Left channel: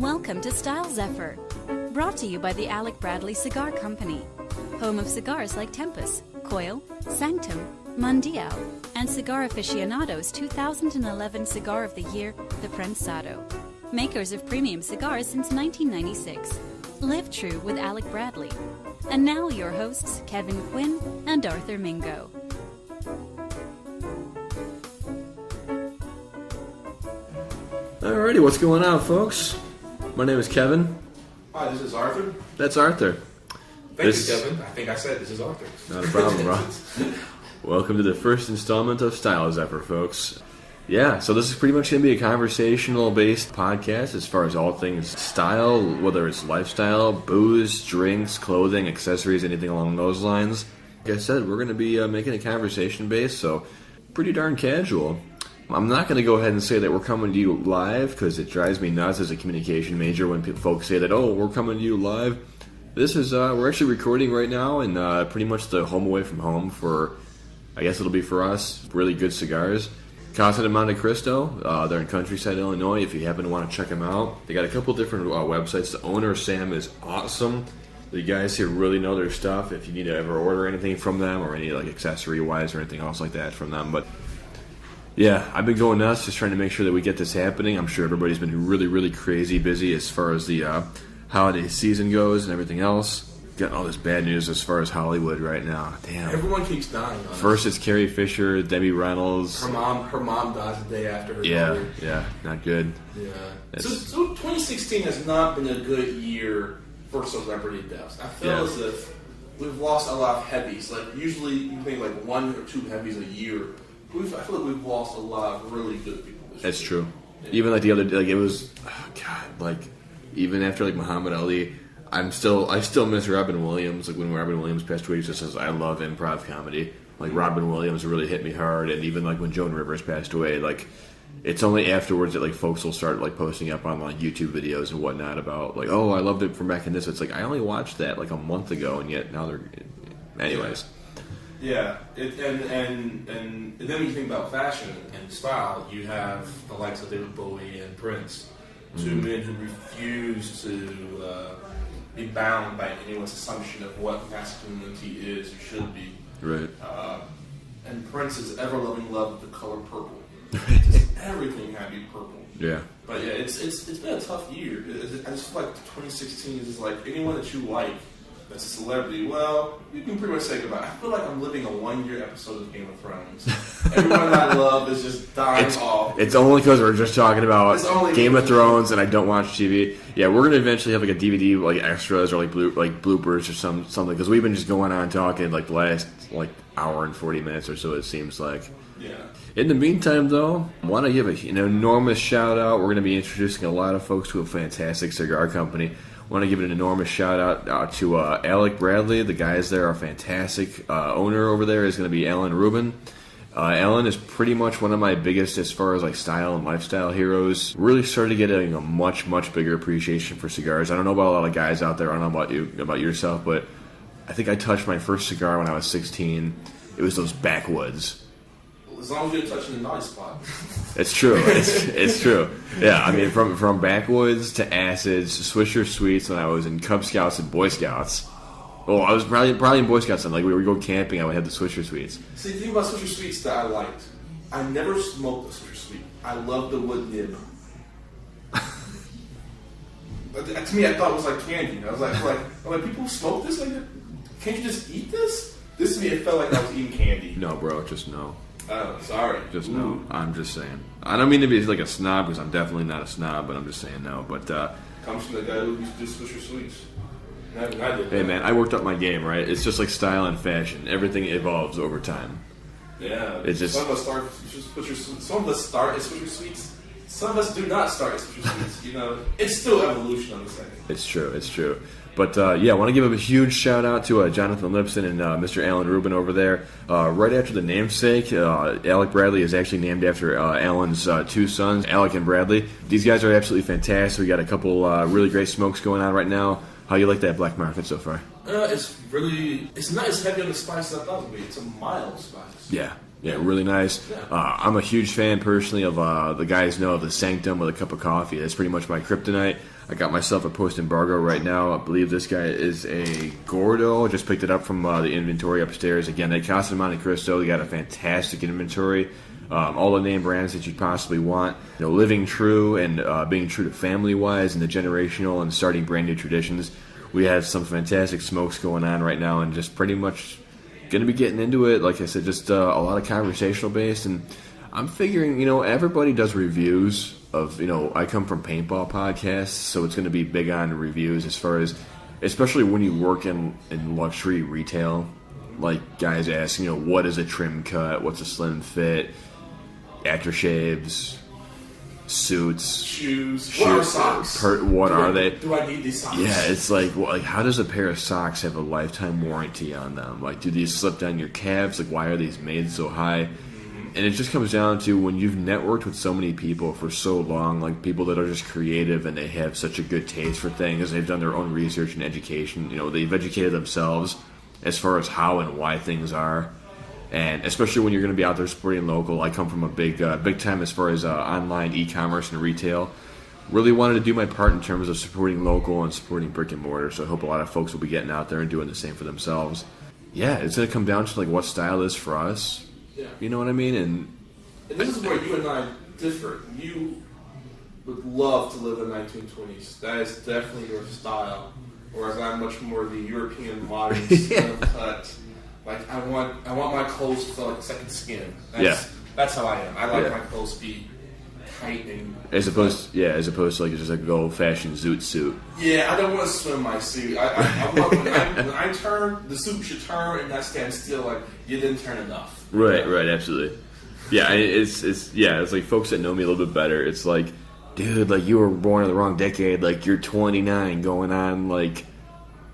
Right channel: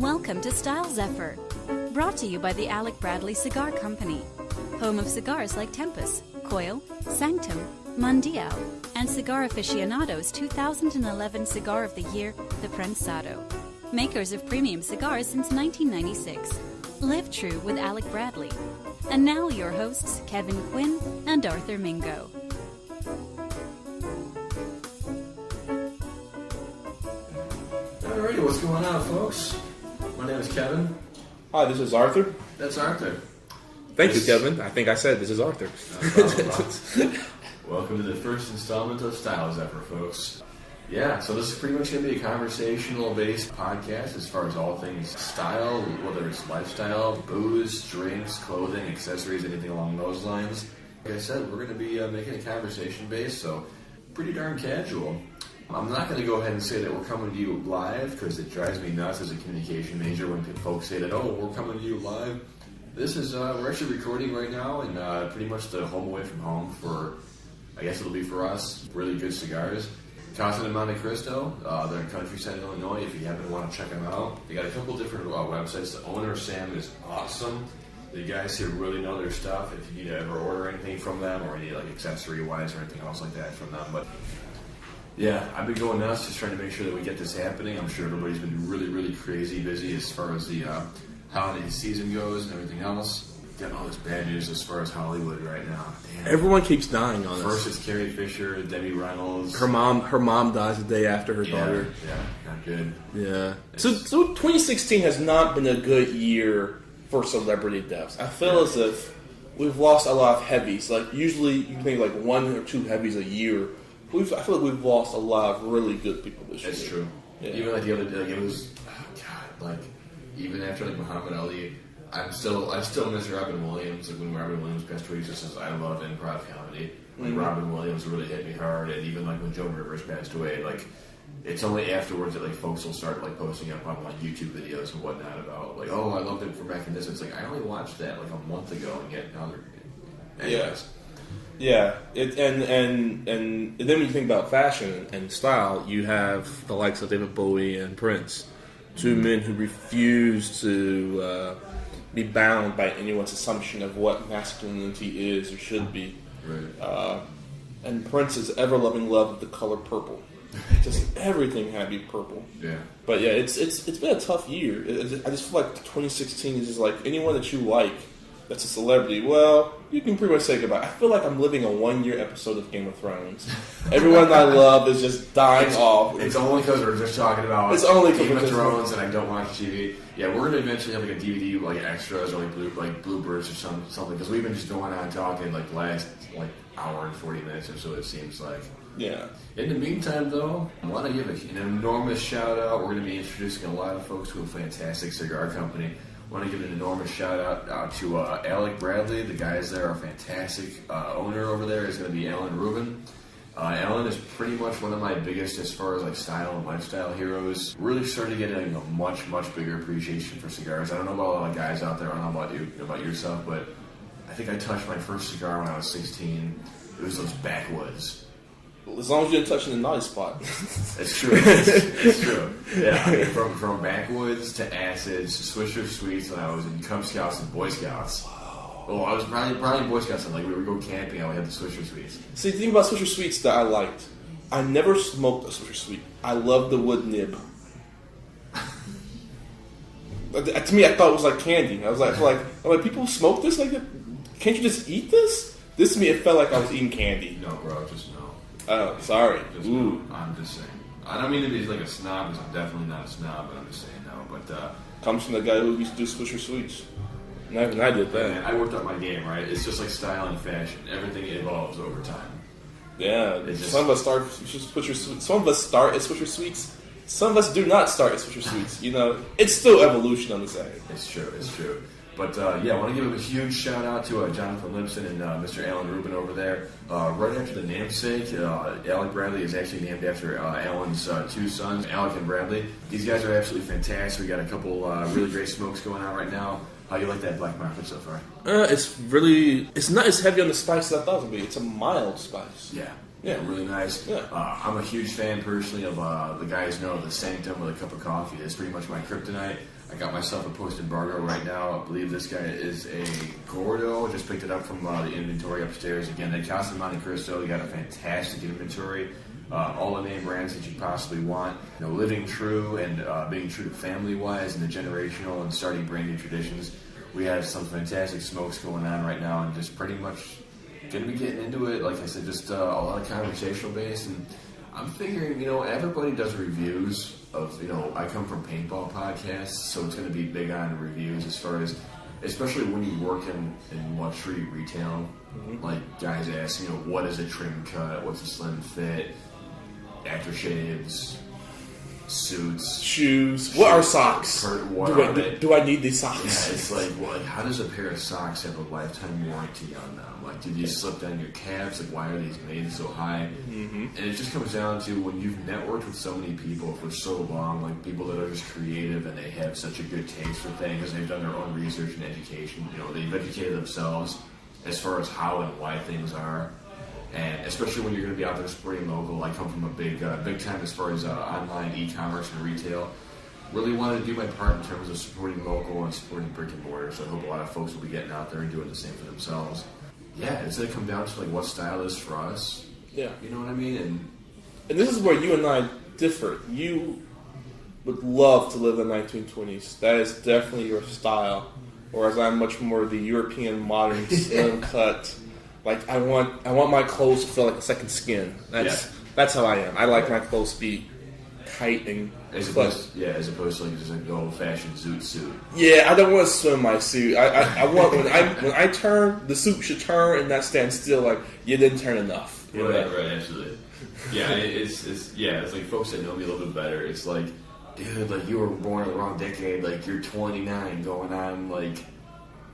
Welcome to Style Zephyr, brought to you by the Alec Bradley Cigar Company, home of cigars like Tempus, Coil, Sanctum, Mundial, and Cigar Aficionado's 2011 Cigar of the Year, the Prensado. Makers of premium cigars since 1996. Live true with Alec Bradley. And now your hosts, Kevin Quinn and Arthur Mingo. Alrighty, what's going on, folks? My name is Kevin. Hi, this is Arthur. That's Arthur. Thank you, Kevin. I think I said this is Arthur. Not a problem, bro. Welcome to the first installment of Style Zephyr, folks. Yeah, so this is pretty much going to be a conversational-based podcast as far as all things style, whether it's lifestyle, booze, drinks, clothing, accessories, anything along those lines. Like I said, we're going to be making it conversation-based, so pretty darn casual. I'm not going to go ahead and say that we're coming to you live because it drives me nuts as a communication major when folks say that, oh, we're coming to you live. This is, we're actually recording right now in pretty much the home away from home for, I guess it'll be for us, really good cigars. Casa de Monte Cristo, they're in Countryside, Illinois, if you happen to want to check them out. They got a couple different websites. The owner, Sam, is awesome. The guys here really know their stuff if you need to ever order anything from them or any like accessory-wise or anything else like that from them. But yeah, I've been going nuts just trying to make sure that we get this happening. I'm sure everybody's been really, really crazy busy as far as the holiday season goes and everything else. Getting all this bad news as far as Hollywood right now. Damn. Everyone keeps dying on us. First it's Carrie Fisher, Debbie Reynolds. Her mom dies the day after her daughter. Yeah, not good. Yeah. So 2016 has not been a good year for celebrity deaths. I feel as if we've lost a lot of heavies. Like usually you think like one or two heavies a year. I feel like we've lost a lot of really good people this year. That's true. Yeah. Even like the other day, like it was, even after like Muhammad Ali, I still miss Robin Williams. Like when Robin Williams passed away, he just says, I love improv comedy. Like Robin Williams really hit me hard, and even like when Joan Rivers passed away, like it's only afterwards that like folks will start like posting up on like YouTube videos and whatnot about like, oh, I loved it from back in this. It's like I only watched that like a month ago, and yet now they're, anyways. Yeah, and then when you think about fashion and style, you have the likes of David Bowie and Prince, two men who refuse to be bound by anyone's assumption of what masculinity is or should be. Right. And Prince's ever-loving love of the color purple. Just everything had to be purple. Yeah. But yeah, it's been a tough year. I just feel like 2016 is just like anyone that you like that's a celebrity, well, you can pretty much say goodbye. I feel like I'm living a 1-year episode of Game of Thrones. Everyone I love is just dying off. It's only because we're just talking about Game of Thrones and I don't watch TV. Yeah, we're going to eventually have like a DVD, like extras or like bloopers or something, because we've been just going on talking like the last like hour and 40 minutes or so, it seems like. Yeah. In the meantime, though, I want to give an enormous shout out. We're going to be introducing a lot of folks to a fantastic cigar company. I want to give an enormous shout out to Alec Bradley. The guys there are fantastic. Owner over there is going to be Alan Rubin. Alan is pretty much one of my biggest as far as like style and lifestyle heroes. Really started getting a much, much bigger appreciation for cigars. I don't know about a lot of guys out there. I don't know about yourself, but I think I touched my first cigar when I was 16. It was those backwoods. As long as you didn't touch in the naughty spot. It's true. It's true. Yeah, I mean, from backwoods to acids to Swisher Sweets when I was in Cub Scouts and Boy Scouts. Oh, I was probably in Boy Scouts, and like we would go camping, I would have the Swisher Sweets. See, the thing about Swisher Sweets that I liked, I never smoked a Swisher Sweet. I love the wood nib. To me, I thought it was like candy. I was like, people smoke this? Like, can't you just eat this? This to me, it felt like I was eating candy. No, bro, just no. Oh, sorry. Just no. I'm just saying. I don't mean to be like a snob because I'm definitely not a snob, but I'm just saying no. But comes from the guy who used to do Swisher Sweets. And I did that. Hey man, I worked up my game, right? It's just like style and fashion. Everything evolves over time. Yeah. It's just, some of us start Swisher Sweets. Some of us start at Swisher Sweets. Some of us do not start at Swisher Sweets. You know, it's still evolution, I'm saying. It's true. It's true. But yeah, I want to give a huge shout out to Jonathan Lipson and Mr. Alan Rubin over there. Right after the namesake, Alec Bradley is actually named after Alan's two sons, Alec and Bradley. These guys are absolutely fantastic. We got a couple really great smokes going on right now. How you like that Black Market so far? It's not as heavy on the spice as I thought it would be. It's a mild spice. Yeah. Yeah, really nice. Yeah. I'm a huge fan personally of the guys know the Sanctum with a cup of coffee. That's pretty much my kryptonite. I got myself a post embargo right now. I believe this guy is a Gordo. Just picked it up from the inventory upstairs. Again, they Casa Monte Cristo. They got a fantastic inventory. All the name brands that you possibly want. You know, living true and being true to family-wise and the generational and starting brand new traditions. We have some fantastic smokes going on right now and just pretty much going to be getting into it. Like I said, just a lot of conversational based. And I'm figuring, everybody does reviews of, I come from paintball podcasts, so it's going to be big on reviews as far as, especially when you work in luxury retail. Like guys ask, what is a trim cut? What's a slim fit? Aftershaves, suits, shoes. What are socks? What are they? Do I need these socks? Yeah, it's like, how does a pair of socks have a lifetime warranty on them? Like, do these slip down your calves? Like, why are these made so high? And it just comes down to when you've networked with so many people for so long, like people that are just creative and they have such a good taste for things. They've done their own research and education. They've educated themselves as far as how and why things are. And especially when you're going to be out there supporting local. I come from a big time as far as online e-commerce and retail. Really wanted to do my part in terms of supporting local and supporting brick and mortar. So I hope a lot of folks will be getting out there and doing the same for themselves. Yeah, it's going to come down to like what style is for us. Yeah. You know what I mean? And this is where you and I differ. You would love to live in the 1920s. That is definitely your style. Whereas I'm much more the European modern slim cut. Like I want my clothes to feel like a second skin. That's how I am. I like my clothes to be tight and as opposed to like just like an old fashioned zoot suit. Yeah, I don't want to swim my suit. I want when I turn, the suit should turn and not stand still. Like you didn't turn enough. Right, absolutely. Yeah, it's like folks that know me a little bit better. It's like, dude, like you were born in the wrong decade. Like you're 29, going on like.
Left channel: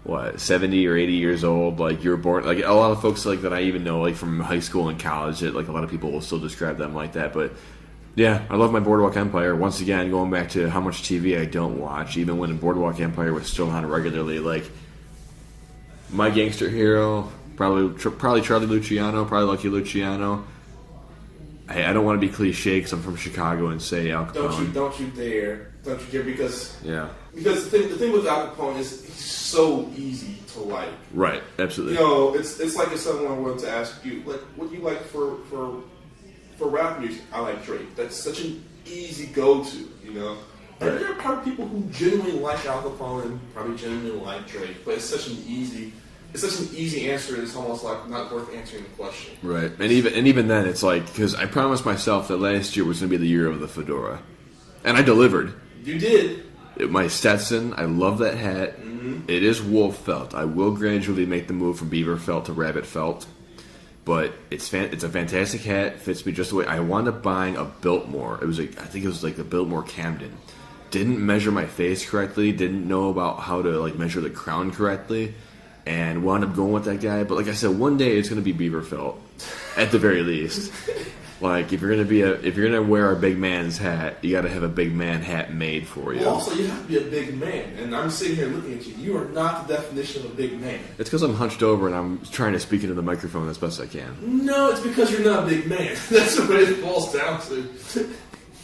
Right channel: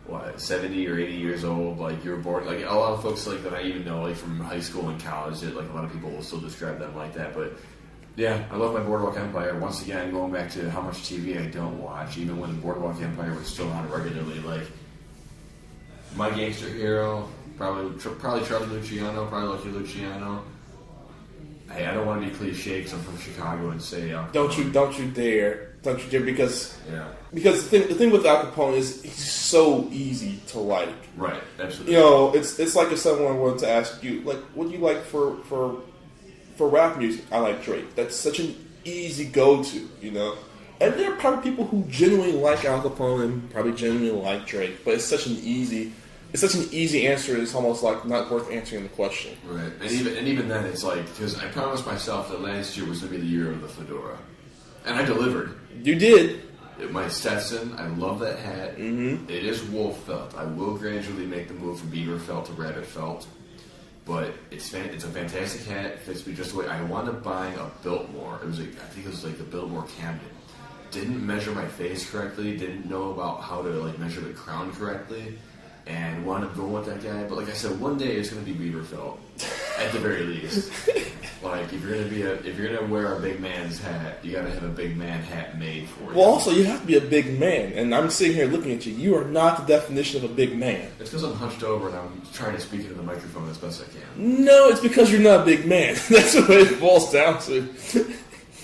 What, 70 or 80 years old, like you were born, like a lot of folks like that I even know, like from high school and college, that like a lot of people will still describe them like that. But yeah, I love my Boardwalk Empire. Once again, going back to how much TV I don't watch, even when Boardwalk Empire was still on regularly, like my gangster hero, probably Charlie Luciano, probably Lucky Luciano. Hey, I don't want to be cliche because I'm from Chicago and say Al Capone. Don't you dare, because the thing with Al Capone is he's so easy to like. Right, absolutely. It's like if someone wanted to ask you, like, what do you like for rap music? I like Drake. That's such an easy go-to, And there are probably people who genuinely like Al Capone and probably genuinely like Drake, but it's such an easy answer. It's almost like not worth answering the question. Right, and even then, it's like because I promised myself that last year was going to be the year of the fedora, and I delivered. You did. My Stetson, I love that hat. Mm-hmm. It is wolf felt. I will gradually make the move from beaver felt to rabbit felt, but it's a fantastic hat. It fits me just the way I wound up buying a Biltmore. I think it was like the Biltmore Camden. Didn't measure my face correctly. Didn't know about how to like measure the crown correctly. And wound up going with that guy. But like I said, one day it's going to be beaver felt, at the very least. Like if you're gonna wear a big man's hat, you got to have a big man hat made for you. Well, also you have to be a big man, and I'm sitting here looking at you. You are not the definition of a big man. It's because I'm hunched over and I'm trying to speak into the microphone as best I can. No, it's because you're not a big man. That's what it boils down to.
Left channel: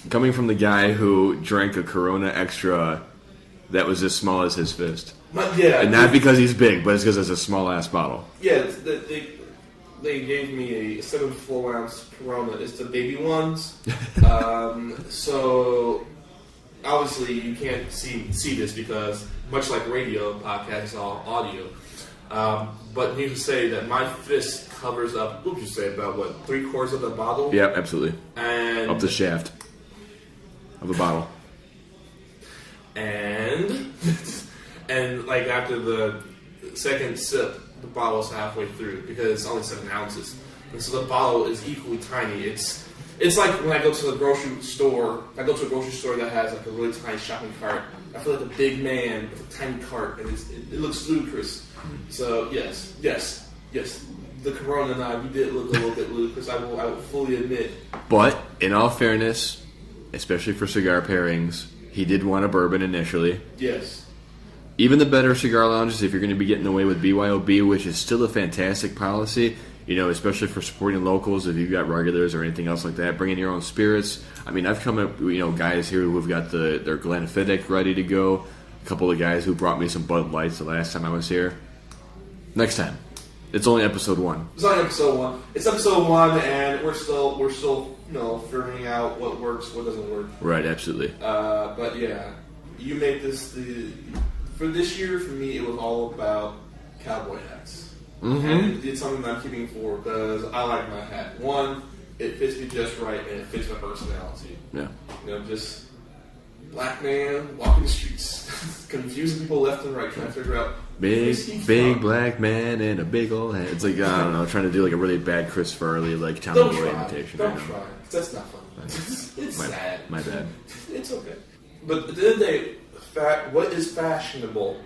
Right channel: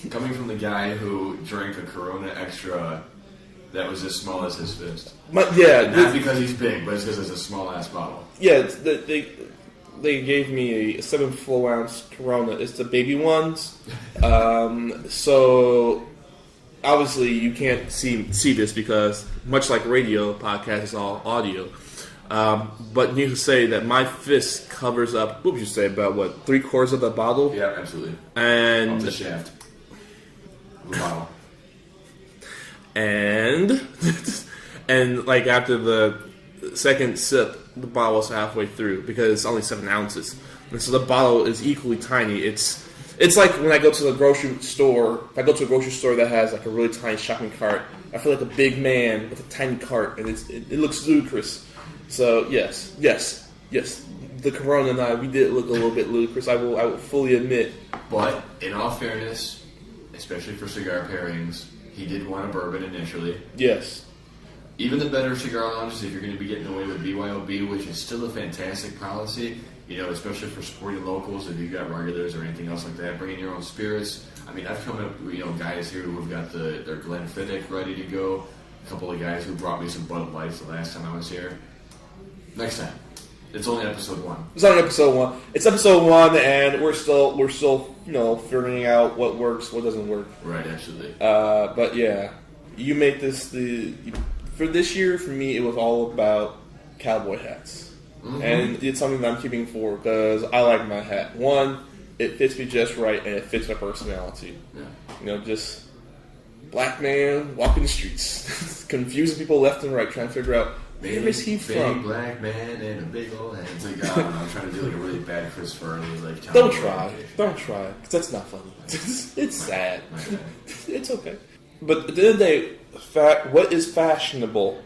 Coming from the guy who drank a Corona Extra that was as small as his fist. And not because he's big, but it's because it's a small ass bottle. Yeah, they gave me a 7 full ounce Corona. It's the baby ones. So obviously you can't see this because much like radio, podcast is all audio. But needless to say that my fist covers up. What would you say about 3/4 of the bottle? Yeah, absolutely. And up the shaft of the bottle. And like after the second sip, the bottle is halfway through because it's only 7 ounces, and so the bottle is equally tiny. It's like when I go to the grocery store. If I go to a grocery store that has like a really tiny shopping cart, I feel like a big man with a tiny cart, and it looks ludicrous. So yes, the Corona and I, we did look a little bit ludicrous. I will fully admit. But in all fairness, especially for cigar pairings, he did want a bourbon initially. Yes. Even the better cigar lounges, if you're going to be getting away with BYOB, which is still a fantastic policy, especially for supporting locals, if you've got regulars or anything else like that, bring in your own spirits. I mean, I've come up, guys here who've got their Glenfiddich ready to go. A couple of guys who brought me some Bud Lights the last time I was here. Next time. It's only episode 1. It's only episode 1. It's episode 1, and we're still figuring out what works, what doesn't work. Right, absolutely. But yeah, you made this for this year. For me, it was all about cowboy hats, and it's something that I'm keeping for because I like my hat. One, it fits me just right, and it fits my personality. Yeah, just black man walking the streets, confusing people left and right, trying to figure out. Big black man and a big old hat. It's like, I don't know, trying to do like a really bad Chris Farley Tom Don't Boy try. imitation. Don't try, because that's not funny. It's sad. My bad. It's okay. But at the end of the day, what is fashionable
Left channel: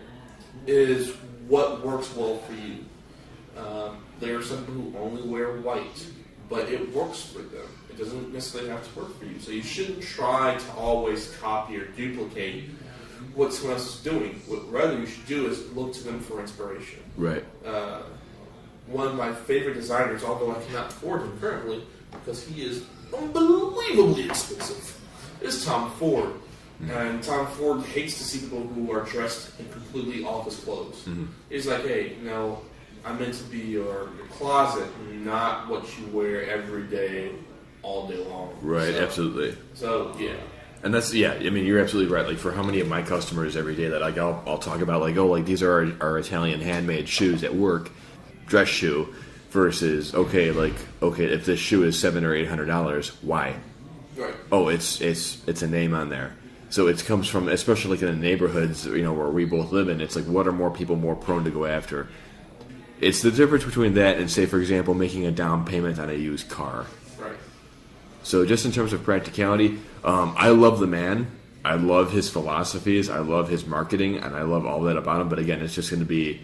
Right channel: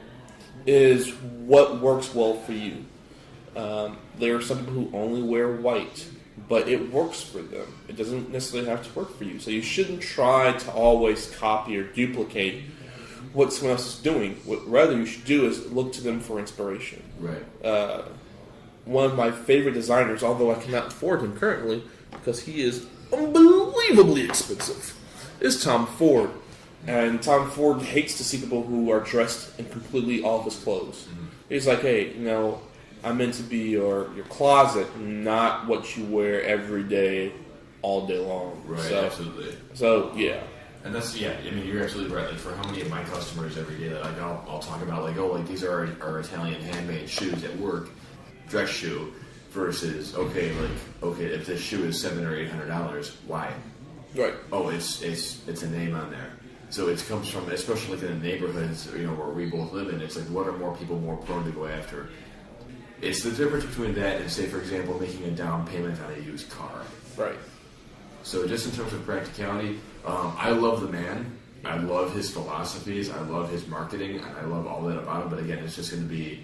is what works well for you. There are some people who only wear white, but it works for them. It doesn't necessarily have to work for you. So you shouldn't try to always copy or duplicate what someone else is doing. What rather you should do is look to them for inspiration. Right. One of my favorite designers, although I cannot afford him currently because he is unbelievably expensive, is Tom Ford. And Tom Ford hates to see people who are dressed in completely all of his clothes. Mm-hmm. He's like, hey, I'm meant to be your closet, not what you wear every day, all day long. Right, absolutely. So, yeah. And that's, I mean, you're absolutely right. Like, for how many of my customers every day that I'll talk about, like, these are our Italian handmade shoes at work, dress shoe, versus, if this shoe is $700 or $800, why? Right. Oh, it's a name on there. So it comes from, especially like in the neighborhoods, where we both live in, it's like, what are more people more prone to go after? It's the difference between that and, say, for example, making a down payment on a used car. Right. So just in terms of practicality, I love the man. I love his philosophies. I love his marketing, and I love all that about him. But again, it's just going to be,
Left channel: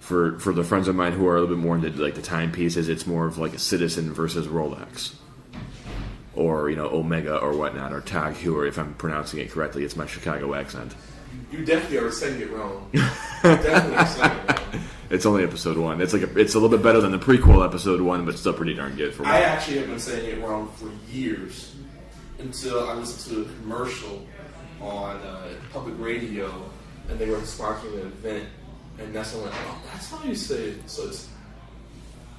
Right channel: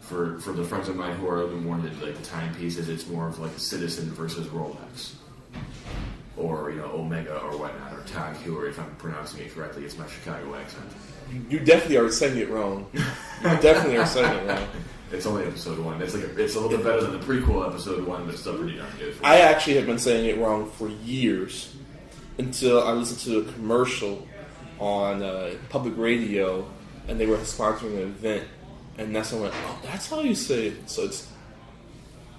for the friends of mine who are a little bit more into like the timepieces, it's more of like a Citizen versus Rolex. Or, Omega or whatnot, or Tag Heuer, if I'm pronouncing it correctly. It's my Chicago accent. You definitely are saying it wrong. You definitely are saying it wrong. It's only episode 1. It's it's a little bit better than the prequel episode 1, but still pretty darn good for me. I actually have been saying it wrong for years until I listened to a commercial on public radio, and they were sponsoring an event, and that's when I went, oh, that's how you say it. So it's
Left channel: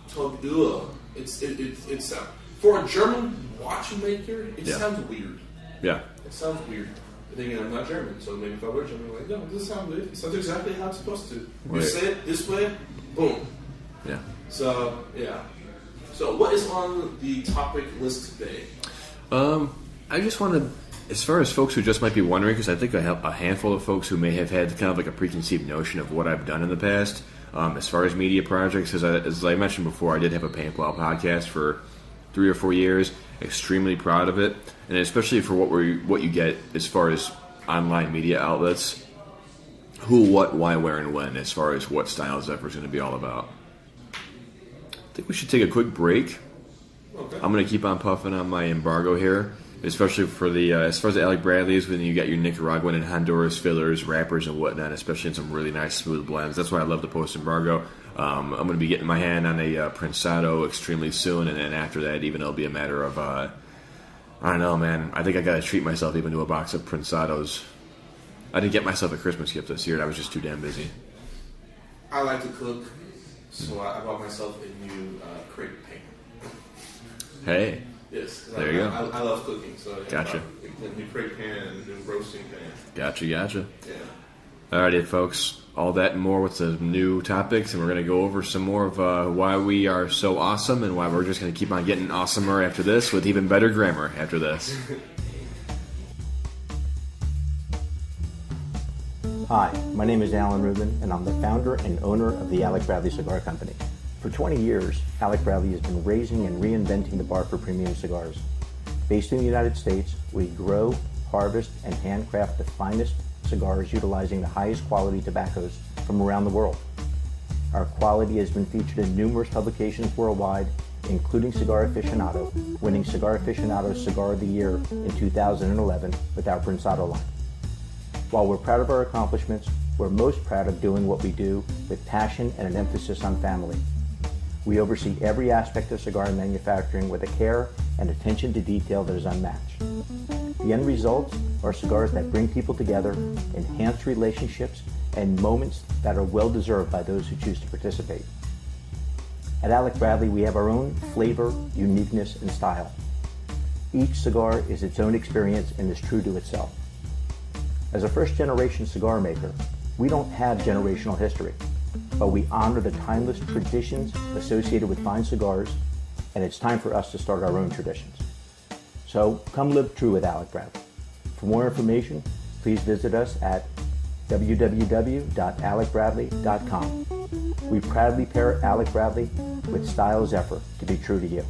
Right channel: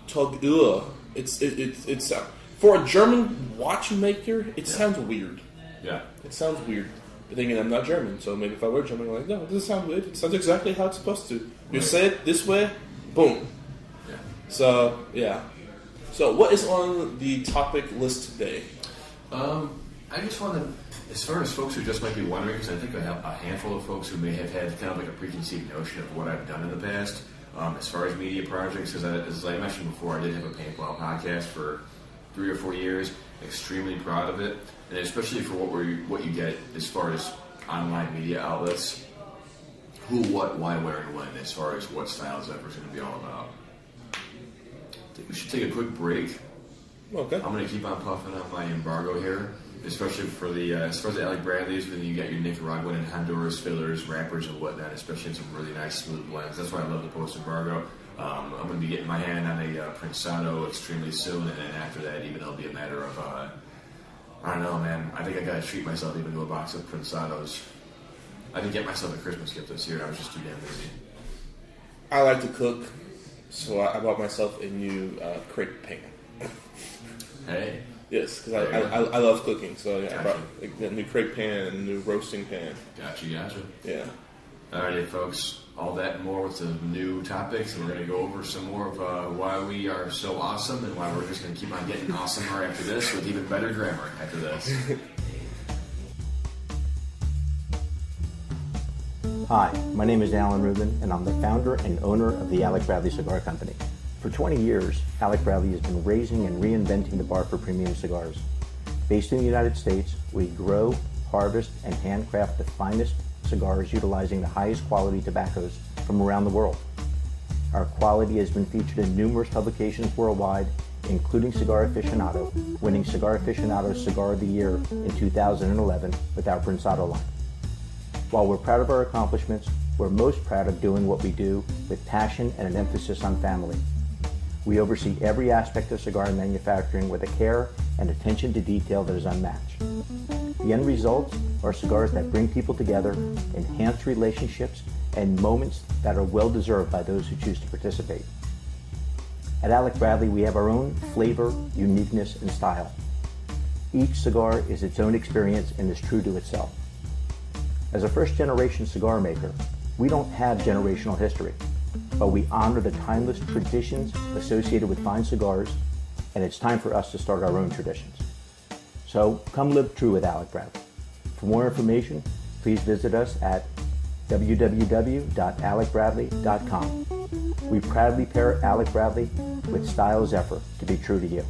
Tag Heuer. It's for a German watchmaker, it sounds weird. Yeah. It sounds weird. I'm thinking I'm not German, so maybe if I were German, I'm like, no, it doesn't sound good. It sounds exactly how it's supposed to. You Right. say it this way, boom. Yeah. So, yeah. So, what is on the topic list today? I just want to, as far as folks who just might be wondering, because I think I have a handful of folks who may have had kind of like a preconceived notion of what I've done in the past, as far as media projects. As I mentioned before, I did have a Paintball podcast for 3 or 4 years. Extremely proud of it, and especially for what you get as far as online media outlets. Who, what, why, where, and when, as far as what Style Zephyr is going to be all about. I think we should take a quick break. Okay. I'm going to keep on puffing on my embargo here, especially for the as far as the Alec Bradleys, when you got your Nicaraguan and Honduras fillers, wrappers, and whatnot, especially in some really nice smooth blends. That's why I love the post embargo. I'm going to be getting my hand on a Prensado extremely soon, and then after that, even it'll be a matter of, I don't know, man. I think I got to treat myself even to a box of Prensados. I didn't get myself a Christmas gift this year, and I was just too damn busy. I like to cook, so I bought myself a new crepe pan. Hey. Yes, because I love cooking, so yeah, Gotcha. I bought a new crepe pan and a new roasting pan. Gotcha. Yeah. Alrighty, folks. All that and more with the new topics, and we're going to go over some more of why we are so awesome and why we're just going to keep on getting awesomer after this with even better grammar after this. Hi, my name is Alan Rubin, and I'm the founder and owner of the Alec Bradley Cigar Company. For 20 years, Alec Bradley has been raising and reinventing the bar for premium cigars. Based in the United States, we grow, harvest, and handcraft the finest cigars utilizing the highest quality tobaccos from around the world. Our quality has been featured in numerous publications worldwide, including Cigar Aficionado, winning Cigar Aficionado's Cigar of the Year in 2011 with our Prensado line. While we're proud of our accomplishments, we're most proud of doing what we do with passion and an emphasis on family. We oversee every aspect of cigar manufacturing with a care and attention to detail that is unmatched. The end results are cigars that bring people together, enhance relationships, and moments that are well-deserved by those who choose to participate. At Alec Bradley, we have our own flavor, uniqueness, and style. Each cigar is its own experience and is true to itself. As a first-generation cigar maker, we don't have generational history, but we honor the timeless traditions associated with fine cigars, and it's time for us to start our own traditions. So come live true with Alec Bradley. For more information, please visit us at www.alecbradley.com. We proudly pair Alec Bradley with Style Zephyr to be true to you.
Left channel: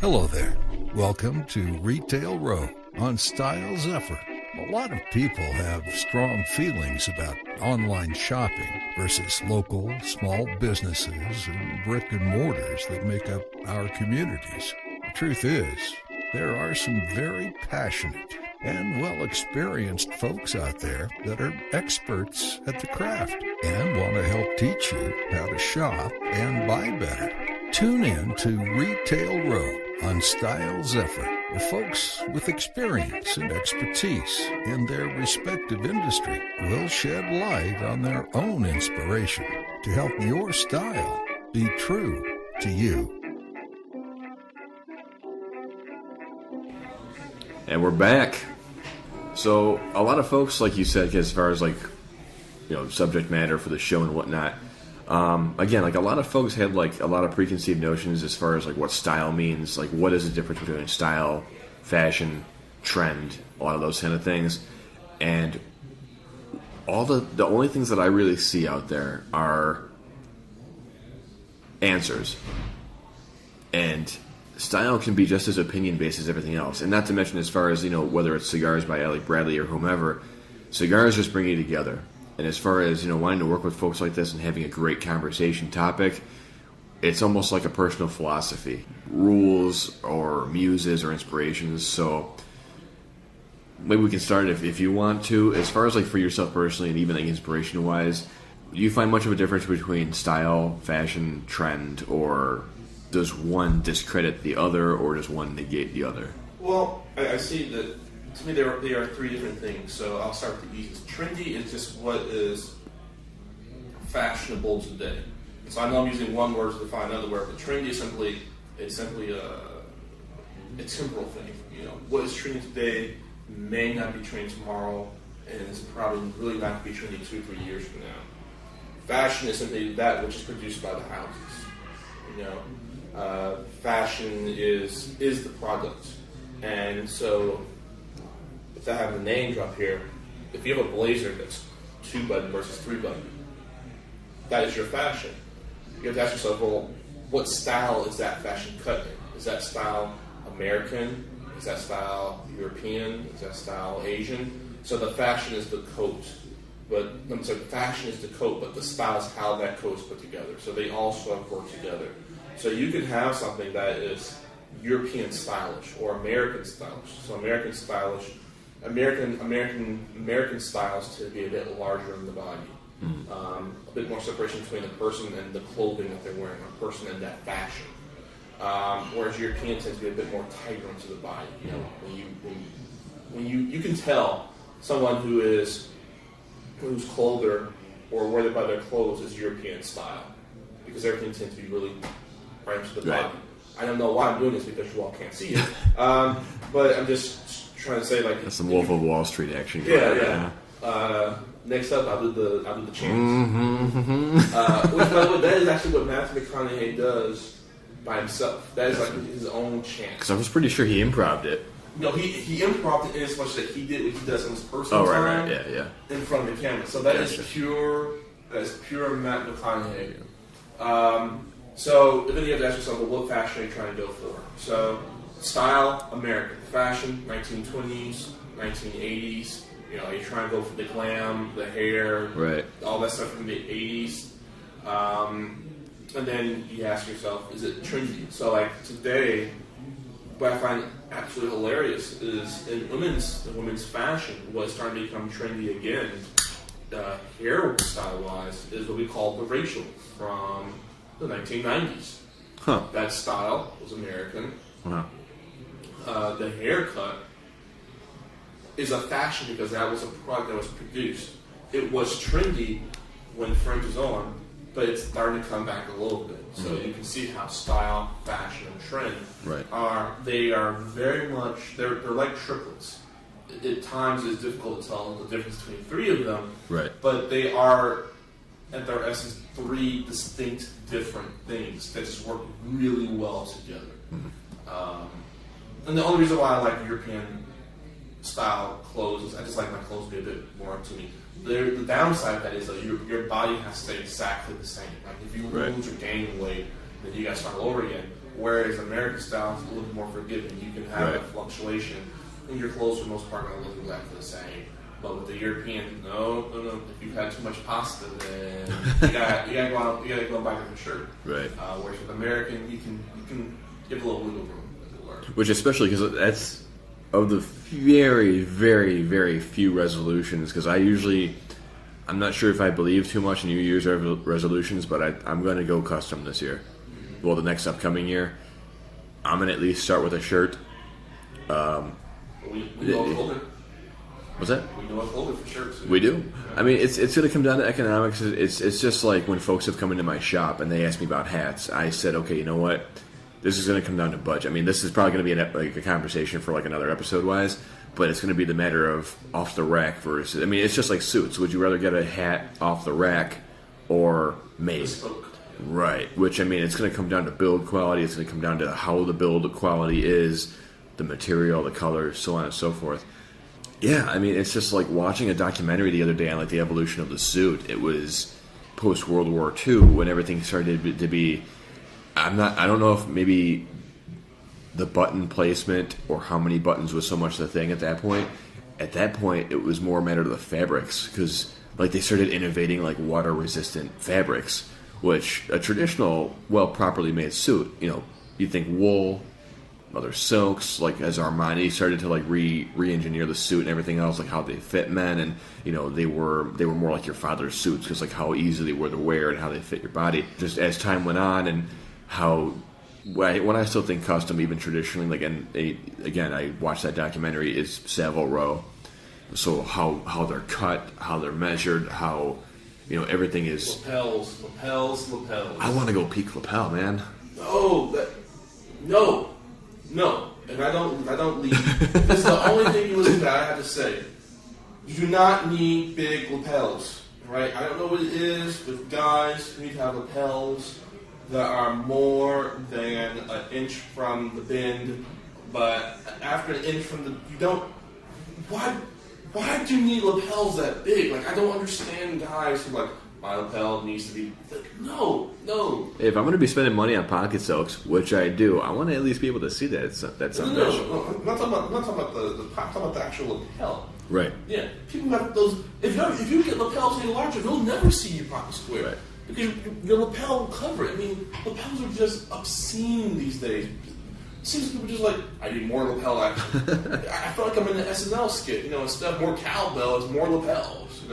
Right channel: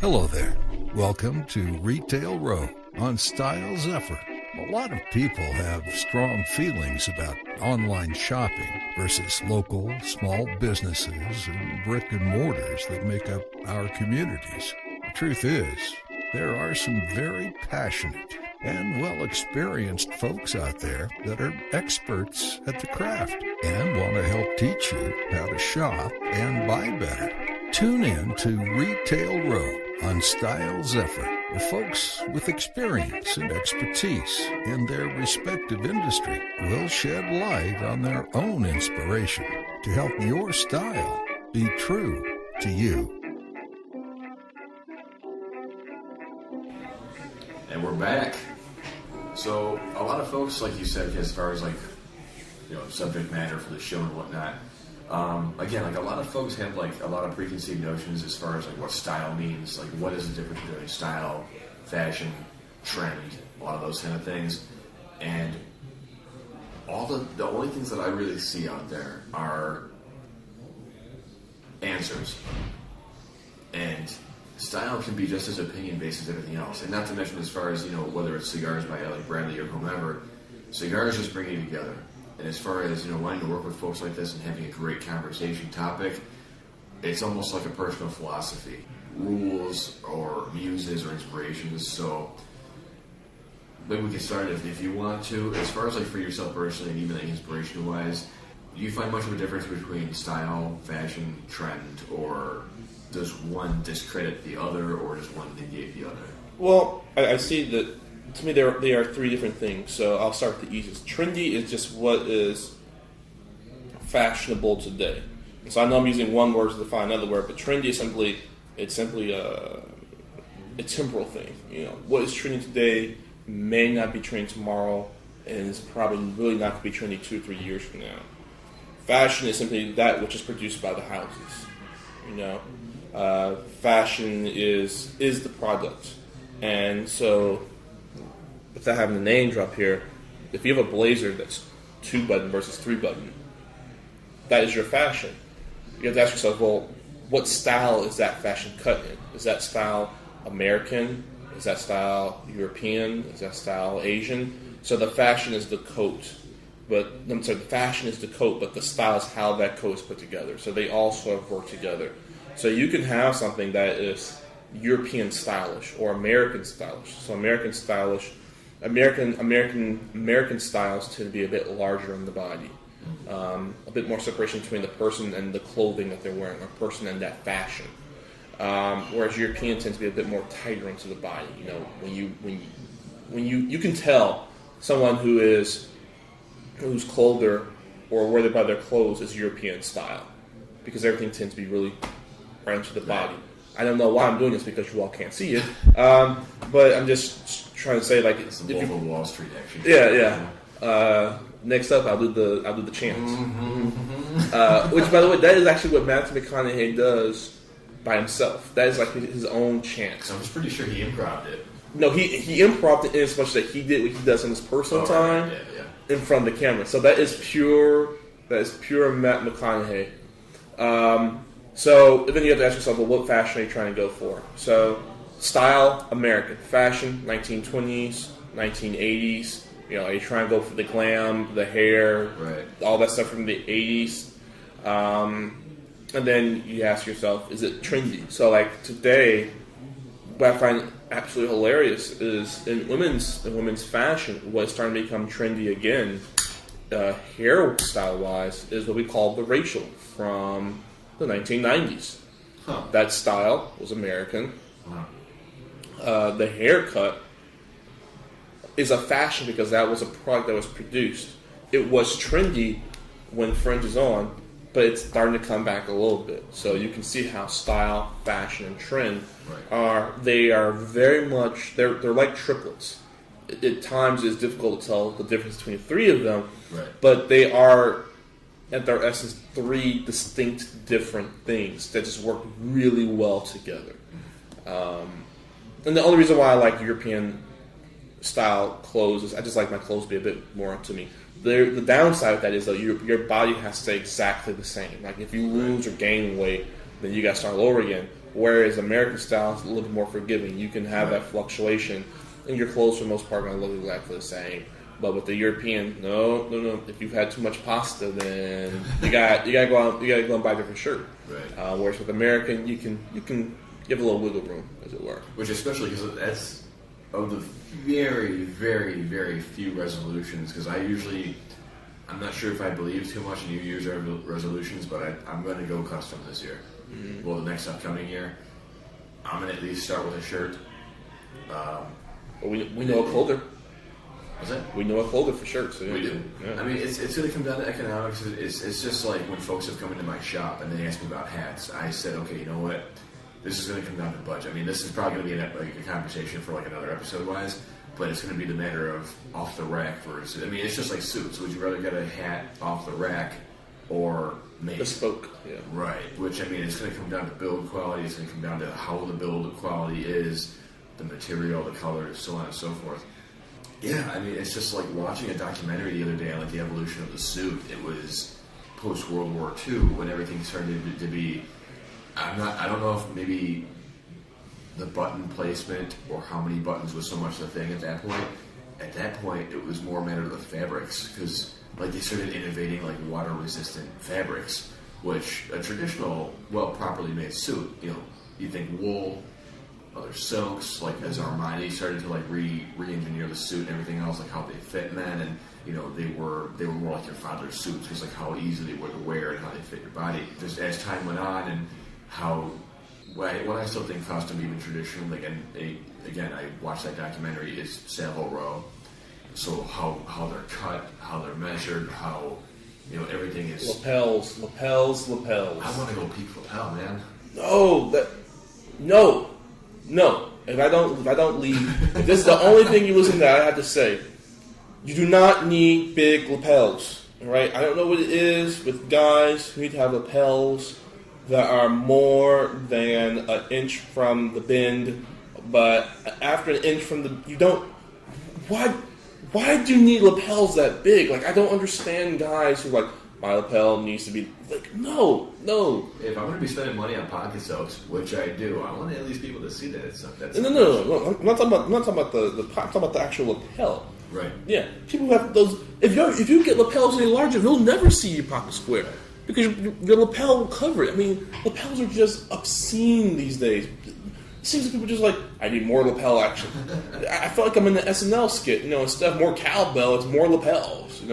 Hello there. Welcome to Retail Row on Style Zephyr. A lot of people have strong feelings about online shopping versus local small businesses and brick and mortars that make up our communities. The truth is, there are some very passionate and well-experienced folks out there that are experts at the craft and want to help teach you how to shop and buy better. Tune in to Retail Row on Style Zephyr, where folks with experience and expertise in their respective industry will shed light on their own inspiration to help your style be true to you. And we're back. So a lot of folks, like you said, as far as subject matter for the show and whatnot, again, like a lot of folks have like a lot of preconceived notions as far as like what style means, like what is the difference between style, fashion, trend, a lot of those kind of things. And all the only things that I really see out there are answers. And style can be just as opinion-based as everything else. And not to mention as far as, whether it's cigars by Alec Bradley or whomever, cigars just bring you together. And as far as, wanting to work with folks like this and having a great conversation topic, it's almost like a personal philosophy. Rules or muses or inspirations. So maybe we can start if you want to. As far as like for yourself personally and even like inspiration-wise, do you find much of a difference between style, fashion, trend, or does one discredit the other, or does one negate the other? Well, I see that, to me, they are three different things. So I'll start with the easiest. Trendy is just what is fashionable today. So I know I'm using one word to define another word, but trendy is simply a temporal thing. What is trendy today may not be trendy tomorrow, and it's probably really not going to be trendy 2 or 3 years from now. Fashion is simply that which is produced by the houses. Fashion is the product, and so without having the name drop here, if you have a blazer that's 2-button versus 3-button, that is your fashion. You have to ask yourself, well, what style is that fashion cut in? Is that style American? Is that style European? Is that style Asian? So the fashion is the coat, but the fashion is the coat, but the style is how that coat is put together. So they all sort of work together. So you can have something that is European stylish or American stylish. So American stylish, American styles tend to be a bit larger in the body, a bit more separation between the person and the clothing that they're wearing, or person and that fashion. Whereas European tends to be a bit more tighter into the body. When you can tell someone whose clother or where they buy their clothes is European style, because everything tends to be really right into the body. I don't know why I'm doing this because you all can't see it, but I'm just trying to say that's some Wolf of Wall Street action. Yeah. Next up, I'll do the chants. Which, by the way, that is actually what Matthew McConaughey does by himself. That is like his own chant. Because I was pretty sure he improv'd it. No, he improv'd it in as much that he did what he does in his personal time in front of the camera. So that is pure Matt McConaughey. So then you have to ask yourself, well, what fashion are you trying to go for? So style, American. Fashion, 1920s, 1980s. Are you trying to go for the glam, the hair, all that stuff from the 80s? And then you ask yourself, is it trendy? So like today, what I find absolutely hilarious is in women's fashion, what's starting to become trendy again, hairstyle wise, is what we call the Rachel from the 1990s. Huh. That style was American. Wow. The haircut is a fashion because that was a product that was produced. It was trendy when fringe is on, but it's starting to come back a little bit. So you can see how style, fashion, and trend are very much, they're like triplets. At times it's difficult to tell the difference between three of them, but they are, at their essence, three distinct different things that just work really well together. And the only reason why I like European style clothes is I just like my clothes to be a bit more up to me. The downside of that is that your body has to stay exactly the same. Like if you lose or gain weight, then you got to start all over again. Whereas American style is a little bit more forgiving. You can have that fluctuation, and your clothes for the most part are going to look exactly the same. But with the European, no. If you've had too much pasta, then you got to go and buy a different shirt. Right. Whereas with American, you can give a little wiggle room, as it were. Which especially because that's of the very, very, very few resolutions, because I'm not sure if I believe too much in New Year's resolutions, but I'm going to go custom this year. Mm-hmm. Well, the next upcoming year, I'm going to at least start with a shirt. We know a folder. What's that? We know a folder for shirts. We do. Yeah. I mean, it's going to come down to economics. It's just like when folks have come into my shop and they ask me about hats. I said, okay, you know what? This is going to come down to budget. I mean, this is probably going to be a conversation for like another episode-wise, but it's going to be the matter of off the rack versus. I mean, it's just like suits. Would you rather get a hat off the rack or made? Bespoke. Yeah. Right. Which, I mean, it's going to come down to build quality. It's going to come down to how the build quality is, the material, the colors, so on and so forth. Yeah, I mean, it's just like watching a documentary the other day on like the evolution of the suit. It was post World War II when everything started to be. I don't know if maybe the button placement or how many buttons was so much the thing at that point. At that point, it was more a matter of the fabrics, because like they started innovating like water resistant fabrics, which a traditional, well, properly made suit, you think wool, other silks, like as Armani started to like re-engineer the suit and everything else, like how they fit men, and they were more like your father's suits, because like how easy they were to wear and how they fit your body. Just as time went on, and how when I still think custom, even traditionally, like, and again, I watched that documentary, is Savile Row. So how they're cut, how they're measured, how everything is lapels. I want to go peak lapel, man. No. If I don't leave, this is the only thing you listen to. I have to say, you do not need big lapels. Right? I don't know what it is with guys who need to have lapels that are more than an inch from the bend, but after an inch from you don't. Why do you need lapels that big? Like, I don't understand guys who like, my lapel needs to be like, no. If I'm going to be spending money on pocket silks, which I do, I want to at least be able to see that. No. I'm not talking about the I'm talking about the actual lapel. Right. Yeah. People have those. If you get lapels any larger, you'll never see your pocket square. Right. Because your lapel will cover it. I mean, lapels are just obscene these days. It seems like people just like, I need more lapel action. I feel like I'm in the SNL skit. Instead of more cowbell, it's more lapels.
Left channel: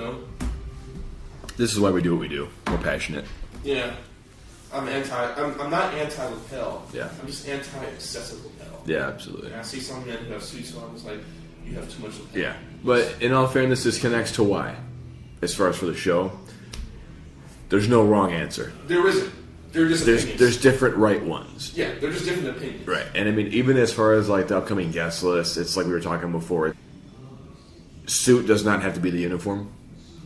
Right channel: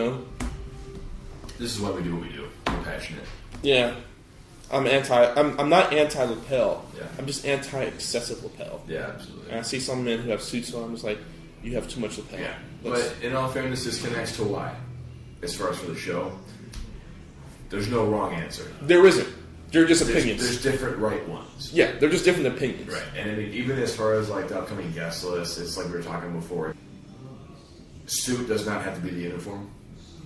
This is why we do what we do. We're passionate. Yeah. I'm not anti-lapel. Yeah. I'm just anti-excessive lapel. Yeah, absolutely. And I see some men who have suits on, I'm just like, you have too much lapel. Yeah. But in all fairness, this connects to why. As far as for the show, there's no wrong answer. There isn't. They're just opinions. There's different right ones. Yeah, they're just different opinions. Right. And I mean, even as far as like the upcoming guest list, it's like we were talking before. Suit does not have to be the uniform.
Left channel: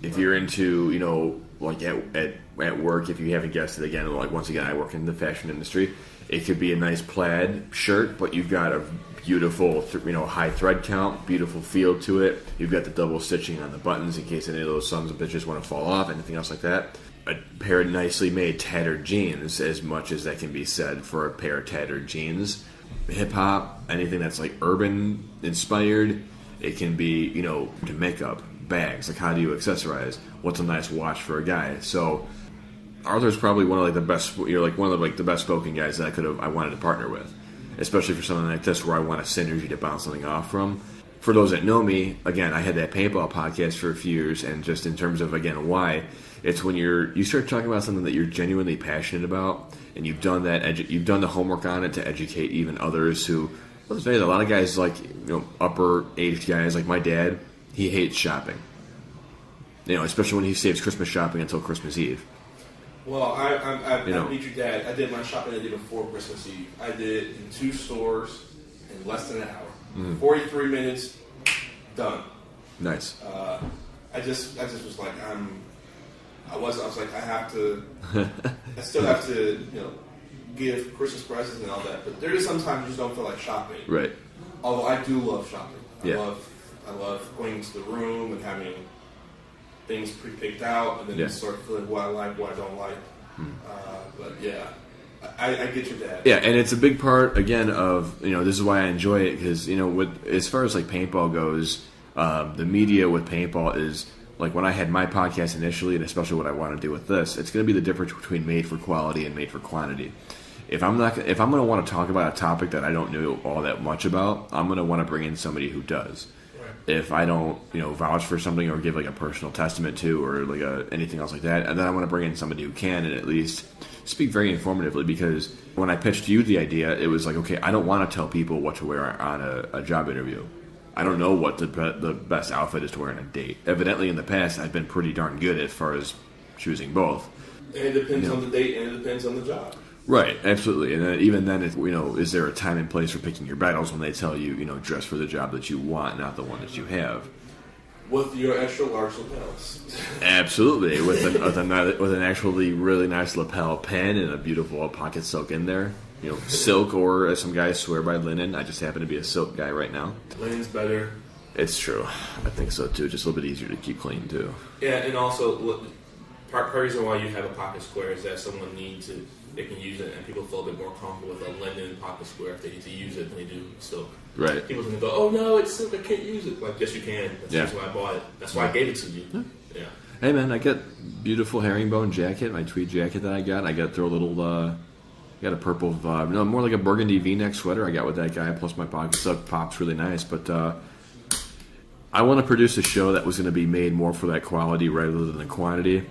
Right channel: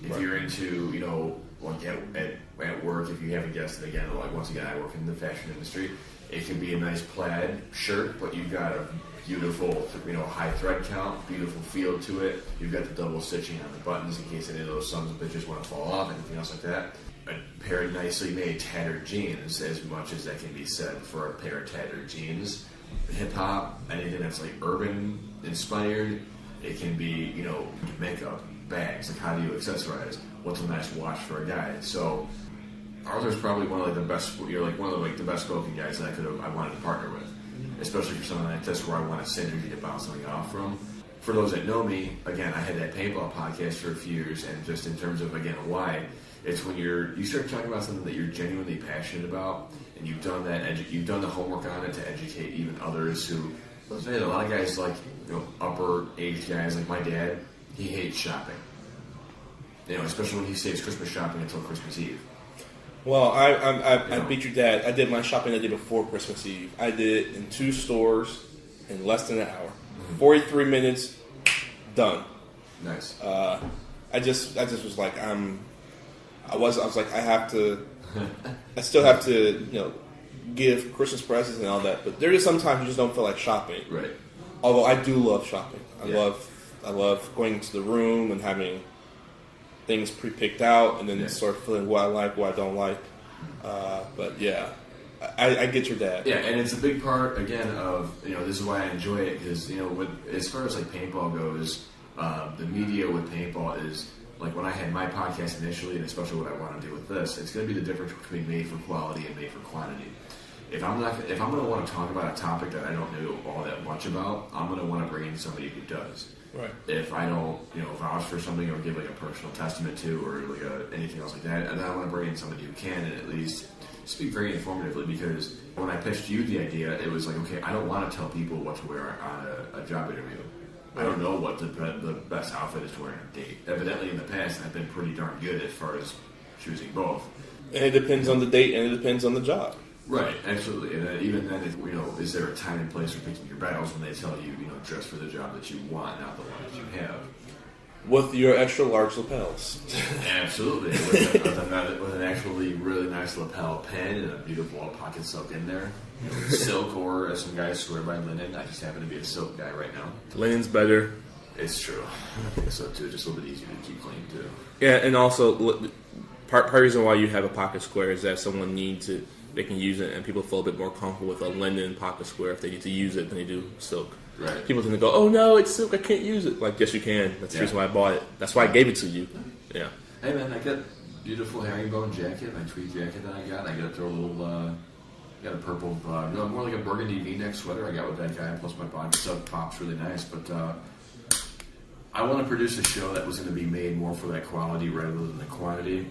If you're into, like at work, if you have a guest, again, like once again, I work in the fashion industry, it could be a nice plaid shirt, but you've got a beautiful, high thread count, beautiful feel to it. You've got the double stitching on the buttons in case any of those sons of bitches want to fall off, anything else like that. A pair of nicely made tattered jeans, as much as that can be said for a pair of tattered jeans. Hip hop, anything that's like urban inspired. It can be, makeup, bags. Like, how do you accessorize? What's a nice watch for a guy? So Arthur's probably one of like the best. You're like one of the best spoken guys that I wanted to partner with. especially for something like this where I want a synergy to bounce something off from. For those that know me, again, I had that paintball podcast for a few years, and just in terms of, again, why, it's when you start talking about something that you're genuinely passionate about, and you've done you've done the homework on it to educate even others who, let's say, a lot of guys like, upper age guys like my dad, he hates shopping. Especially when he saves Christmas shopping until Christmas Eve. Well, I beat your dad. I did my shopping the day before Christmas Eve. I did it in 2 stores in less than an hour. 43 minutes, done. Nice. I just was like, I was like, I have to, I still have to, give Christmas presents and all that. But there is sometimes you just don't feel like shopping. Right. Although I do love shopping. Yeah. I love going into the room and having things pre-picked out, and then sort of feeling what I like, what I don't like. But yeah, I get your dad. Yeah, and it's a big part again of this is why I enjoy it, because as far as like paintball goes, the media with paintball is like when I had my podcast initially, and especially what I want to do with this, it's going to be the difference between made for quality and made for quantity. If I'm going to want to talk about a topic that I don't know all that much about, I'm going to want to bring in somebody who does. Right. If I don't, vouch for something or give like a personal testament to, or like anything else like that, and then I want to bring in somebody who can and at least speak very informatively. Because when I pitched you the idea, it was like, okay, I don't want to tell people what to wear on a job interview. I don't know what the best outfit is to wear on a date. Evidently, in the past, I've been pretty darn good as far as choosing both. And it depends on the date, and it depends on the job. Right, absolutely. And then, even then, is there a time and place for picking your battles when they tell you, dress for the job that you want, not the one that you have? With your extra large lapels. Absolutely, with an actually really nice lapel pen and a beautiful pocket silk in there. Silk, or as some guys swear by, linen. I just happen to be a silk guy right now. Linen's better. It's true. I think so too. Just a little bit easier to keep clean too. Yeah, and also part of the reason why you have a pocket square is that someone needs it. They can use it, and people feel a bit more comfortable with a linen pocket square if they need to use it than they do silk. Right. People tend to go, "Oh no, it's silk. I can't use it." Like, yes, you can. That's the reason why I bought it. That's why I gave it to you. Yeah. Hey man, I got beautiful herringbone jacket, my tweed jacket that I got. I got to throw a little. Got a purple, more like a burgundy V-neck sweater I got with that guy. Plus my pocket silk pops really nice. But I want to produce a show that was going to be made more for that quality rather than the quantity.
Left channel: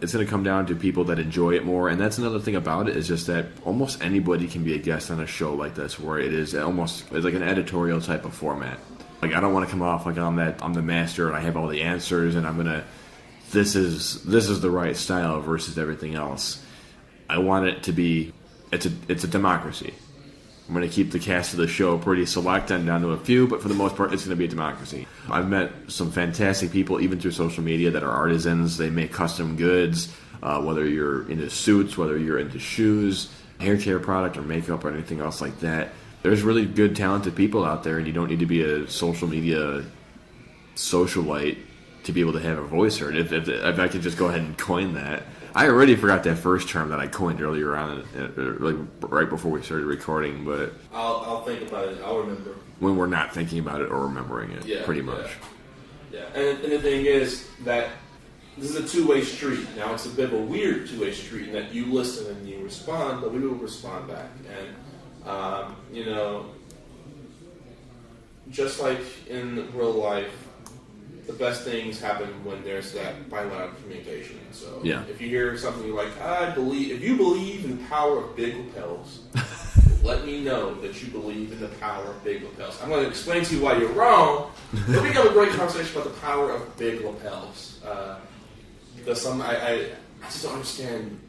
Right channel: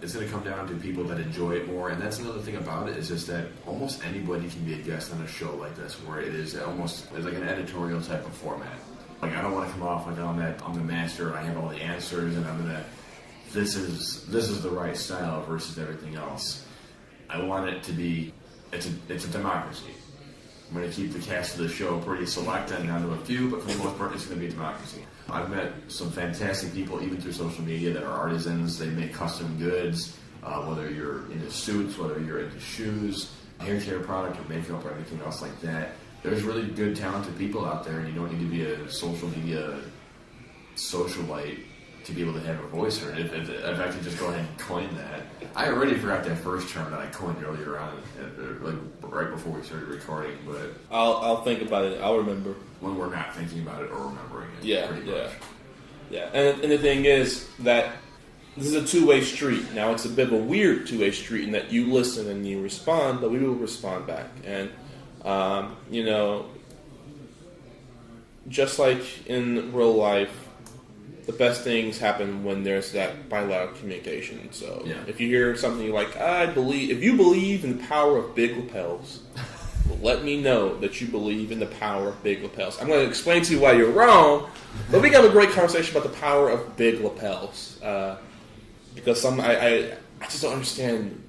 It's going to come down to people that enjoy it more, and that's another thing about it, is just that almost anybody can be a guest on a show like this, where it's like an editorial type of format. Like, I don't want to come off like I'm the master and I have all the answers and this is the right style versus everything else. I want it to be it's a democracy. I'm going to keep the cast of the show pretty select and down to a few, but for the most part, it's going to be a democracy. I've met some fantastic people, even through social media, that are artisans. They make custom goods, whether you're into suits, whether you're into shoes, hair care product, or makeup, or anything else like that. There's really good, talented people out there, and you don't need to be a social media socialite to be able to have a voice heard. If I could just go ahead and coin that. I already forgot that first term that I coined earlier on, like right before we started recording. But I'll think about it. I'll remember when we're not thinking about it or remembering it. Yeah, pretty much. Yeah, and the thing is that this is a two-way street. Now it's a bit of a weird two-way street in that you listen and you respond, but we will respond back. And just like in real life, the best things happen when there's that bilateral communication. So if you hear something you're like, if you believe in the power of big lapels, let me know that you believe in the power of big lapels. I'm going to explain to you why you're wrong, but we can have a great conversation about the power of big lapels. Because I just don't understand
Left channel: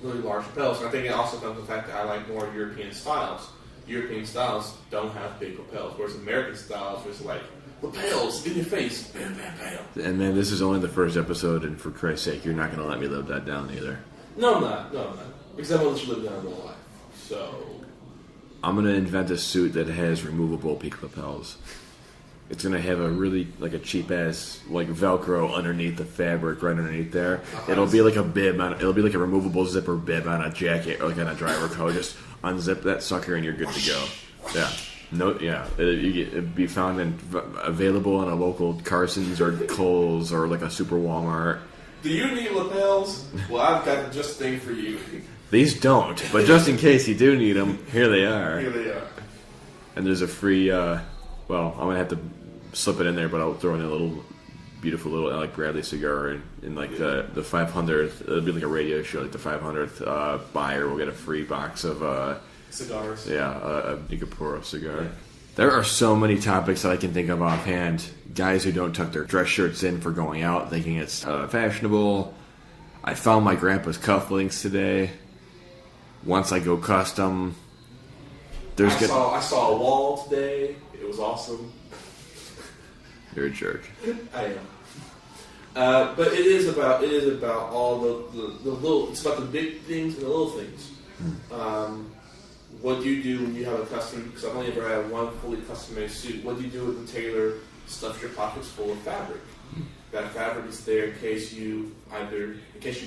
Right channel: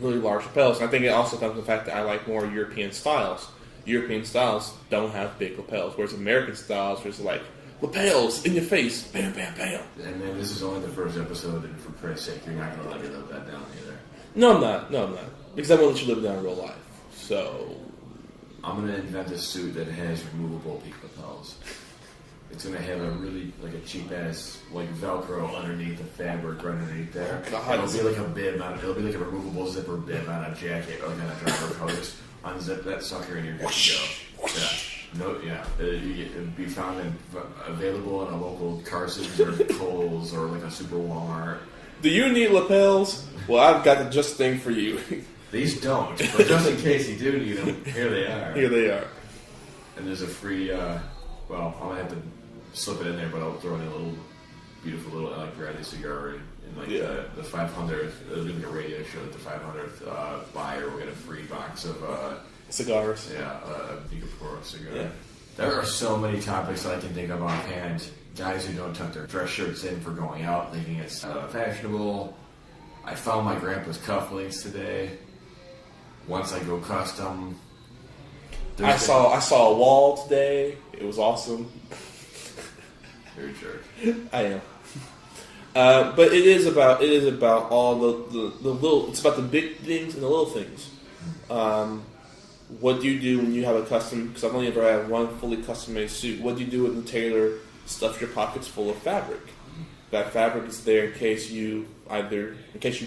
really large lapels. And I think it also comes from the fact that I like more European styles. European styles don't have big lapels, whereas American styles, there's like lapels in your face, bam, bam, bam. And man, this is only the first episode, and for Christ's sake, you're not going to let me live that down either. No, I'm not. Because I won't let you live down in real life. So I'm going to invent a suit that has removable peak lapels. It's going to have a really, like a cheap-ass, like, Velcro underneath the fabric, right underneath there. It'll be like a bib it'll be like a removable zipper bib on a jacket, or like on a driver coat. Just unzip that sucker and you're good to go. Yeah. No, yeah. It'd be found and available in a local Carson's or Kohl's or like a Super Walmart. Do you need lapels? Well, I've got the just thing for you. These don't, but just in case you do need them, here they are. Here they are. And there's a free, I'm going to have to slip it in there, but I'll throw in a little beautiful little Alec Bradley cigar in like the 500th. It'll be like a radio show, like the 500th buyer will get a free box of cigars. Yeah, you could pour a cigar. Yeah. There are so many topics that I can think of offhand. Guys who don't tuck their dress shirts in for going out, thinking it's fashionable. I found my grandpa's cufflinks today. Once I go custom, I saw a wall today. It was awesome. You're a jerk. I am. But it is about all the little. It's about the big things and the little things. What do you do when you have a custom? Because I've only ever had one fully custom-made suit. What do you do when the tailor stuffs your pockets full of fabric? That fabric is there in case you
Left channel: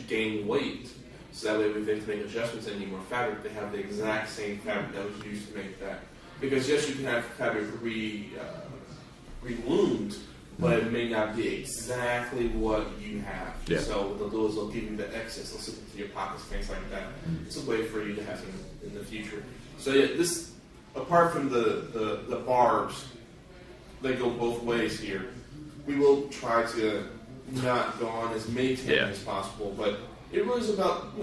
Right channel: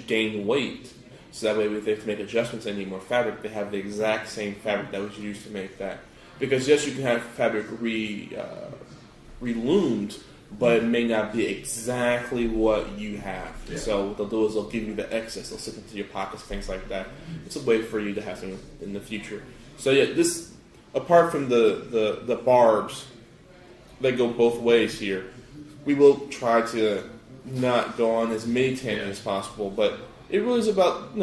gain weight. So that way, if they have to make adjustments and need more fabric, they have the exact same fabric that was used to make that. Because yes, you can have fabric reloomed, but it may not be exactly what you have. Yeah. So what they'll do is they'll give you the excess. They'll slip into your pockets, things like that. It's a way for you to have them in the future. So yeah, this, apart from the barbs that go both ways here, we will try to not go on as many tangents as possible, but it really is about,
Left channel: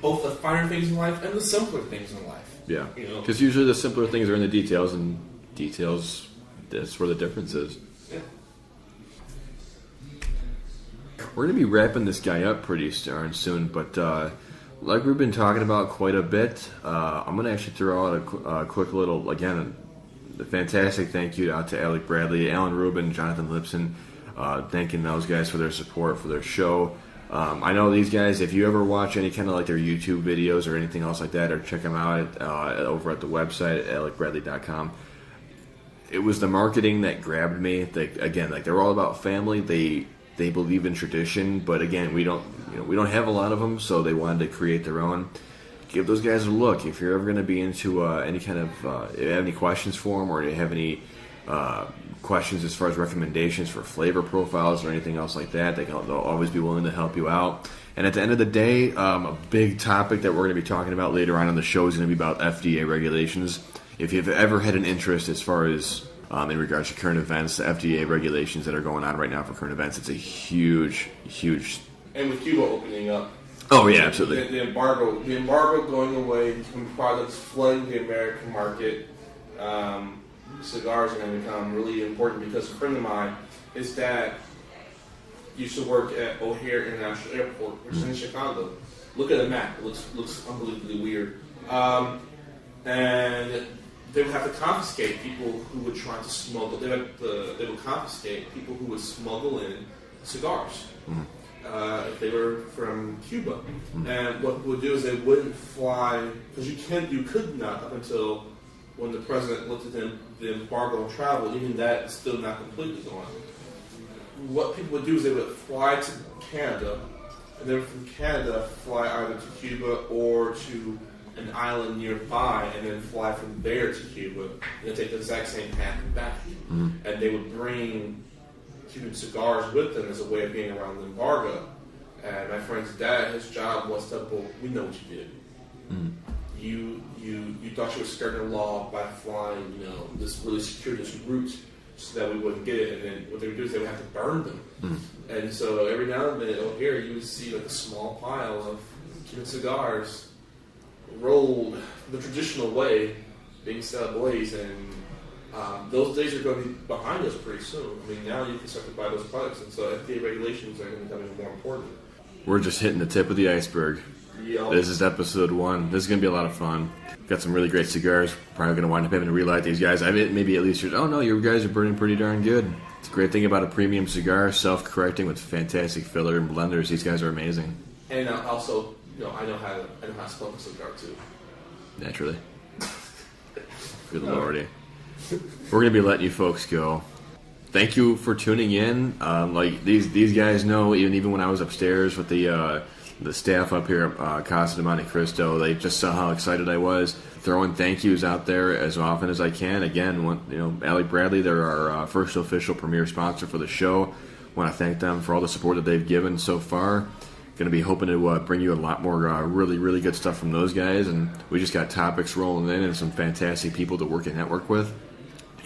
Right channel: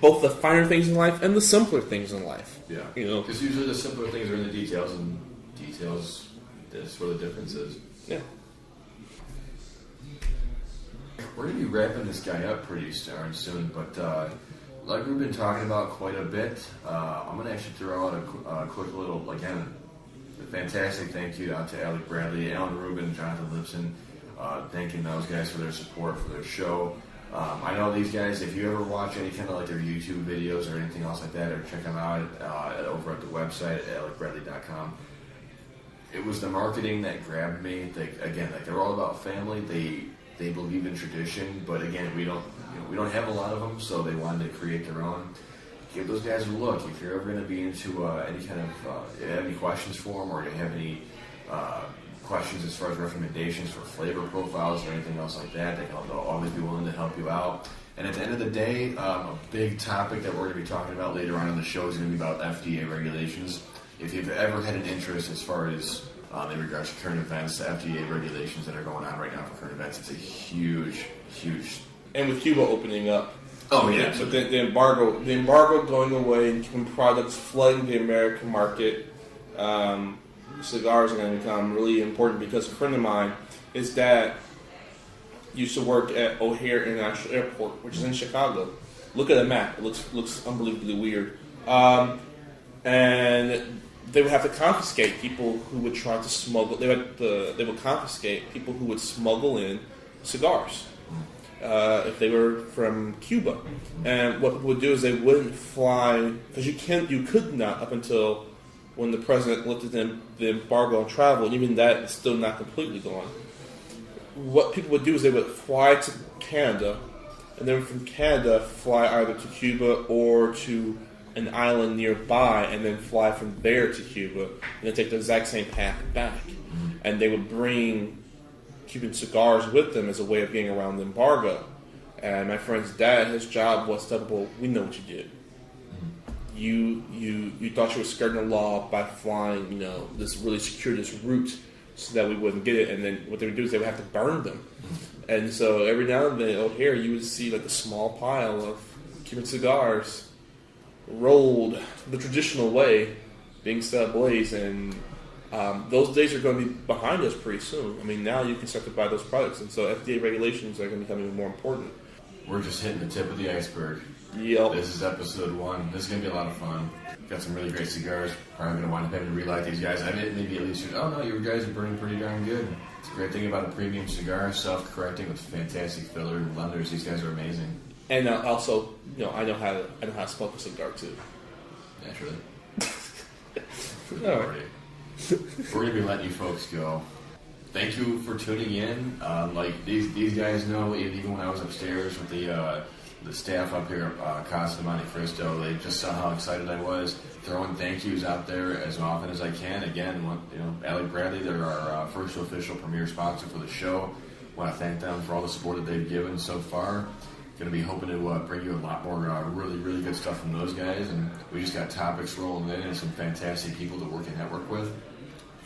both the finer things in life and the simpler things in life. Yeah. Because usually the simpler things are in the details, and details, that's where the difference is. Yeah. We're going to be wrapping this guy up pretty darn soon, but like we've been talking about quite a bit, I'm going to actually throw out a quick little, again, a fantastic thank you out to Alec Bradley, Alan Rubin, Jonathan Lipson, thanking those guys for their support for their show. I know these guys, if you ever watch any kind of like their YouTube videos or anything else like that, or check them out over at the website at alecbradley.com. It was the marketing that grabbed me. They're all about family. They believe in tradition, but again, we don't have a lot of them, so they wanted to create their own. Give those guys a look. If you're ever going to be into any kind of, if you have any questions for them, or you have any questions as far as recommendations for flavor profiles or anything else like that, they'll always be willing to help you out. And at the end of the day, a big topic that we're going to be talking about later on in the show is going to be about FDA regulations. If you've ever had an interest as far as in regards to current events, the FDA regulations that are going on right now for current events, it's a huge. And with Cuba opening up. Oh yeah, absolutely. The embargo going away, and products flooding the American market. Cigars are going to become really important, because a friend of mine, his dad used to work at O'Hare International Airport, which is in Chicago. Look at the map; it looks unbelievably weird. And they would have to confiscate people who would try to smuggle. They would confiscate people who would smuggle in cigars if they were from Cuba. And what would do is they wouldn't fly, because you could not up until when the president lifted the embargo on travel, and even that is still not completely gone. What people would do is they would fly to Canada, and then from Canada fly either to Cuba or to an island nearby, and then fly from there to Cuba, and then take the exact same path back. And they would bring Cuban cigars with them as a way of getting around the embargo. And my friend's dad, his job was to, well, we know what you did. You thought you were skirting the law by flying, this really circuitous route so that we wouldn't get it. And then what they would do is they would have to burn them. And so every now and then out here, you would see like a small pile of Cuban cigars rolled the traditional way, being set ablaze, and those days are going to be behind us pretty soon. I mean, now you can start to buy those products, and so FDA regulations are going to become even more important. We're just hitting the tip of the iceberg. Yep. This is episode 1. This is going to be a lot of fun. Got some really great cigars. Probably going to wind up having to relight these guys. I mean, maybe at least your guys are burning pretty darn good. It's a great thing about a premium cigar, self-correcting with fantastic filler and blenders. These guys are amazing. And also, I know how to smoke a cigar too. Naturally. Good lordy. We're going to be letting you folks go. Thank you for tuning in. These guys know, even when I was upstairs with the staff up here at Casa de Monte Cristo, they just saw how excited I was. Throwing thank yous out there as often as I can. Again, Alec Bradley, they're our first official premier sponsor for the show. Want to thank them for all the support that they've given so far. going to be hoping to bring you a lot more really, really good stuff from those guys. And we just got topics rolling in and some fantastic people to work and network with.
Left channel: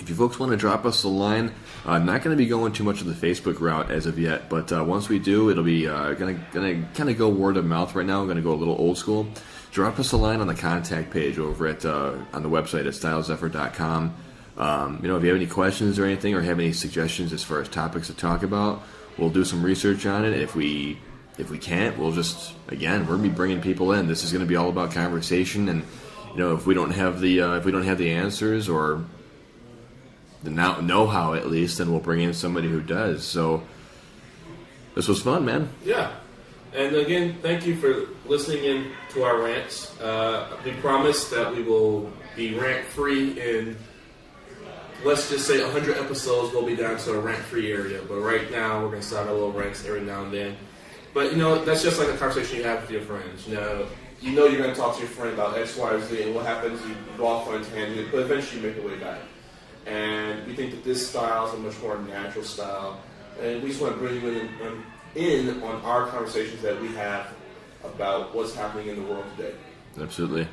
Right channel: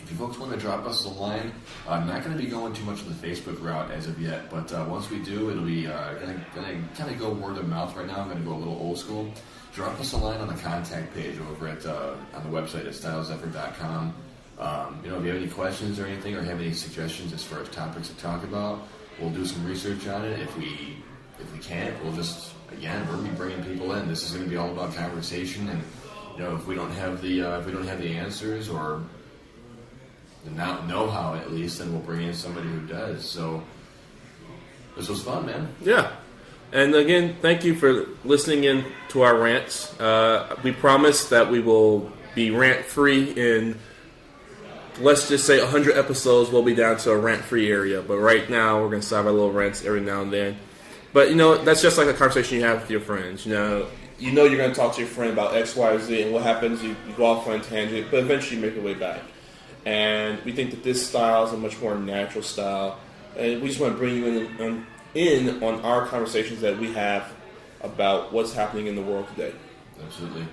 If you folks want to drop us a line, I'm not going to be going too much of the Facebook route as of yet, but once we do, it'll be going to kind of go word of mouth right now. I'm going to go a little old school. Drop us a line on the contact page over at on the website at stylezephyr.com. If you have any questions or anything, or have any suggestions as far as topics to talk about, we'll do some research on it. If we can't, we'll just, again, we're going to be bringing people in. This is going to be all about conversation, and if we don't have the answers or the know-how at least, then we'll bring in somebody who does. So this was fun, man. Yeah. And again, thank you for listening in to our rants. We promise that we will be rant-free in, let's just say, 100 episodes. We'll be down to a rant-free area. But right now, we're going to start our little rants every now and then. But, that's just like a conversation you have with your friends. You're going to talk to your friend about X, Y, or Z, and what happens, you go off on a tangent, but eventually you make your way back. And we think that this style is a much more natural style. And we just want to bring you in on our conversations that we have about what's happening in the world today. Absolutely.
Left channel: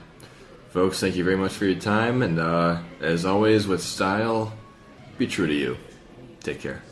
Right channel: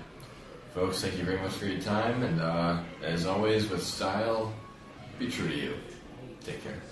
Folks, thank you very much for your time. And as always, with style, be true to you. Take care.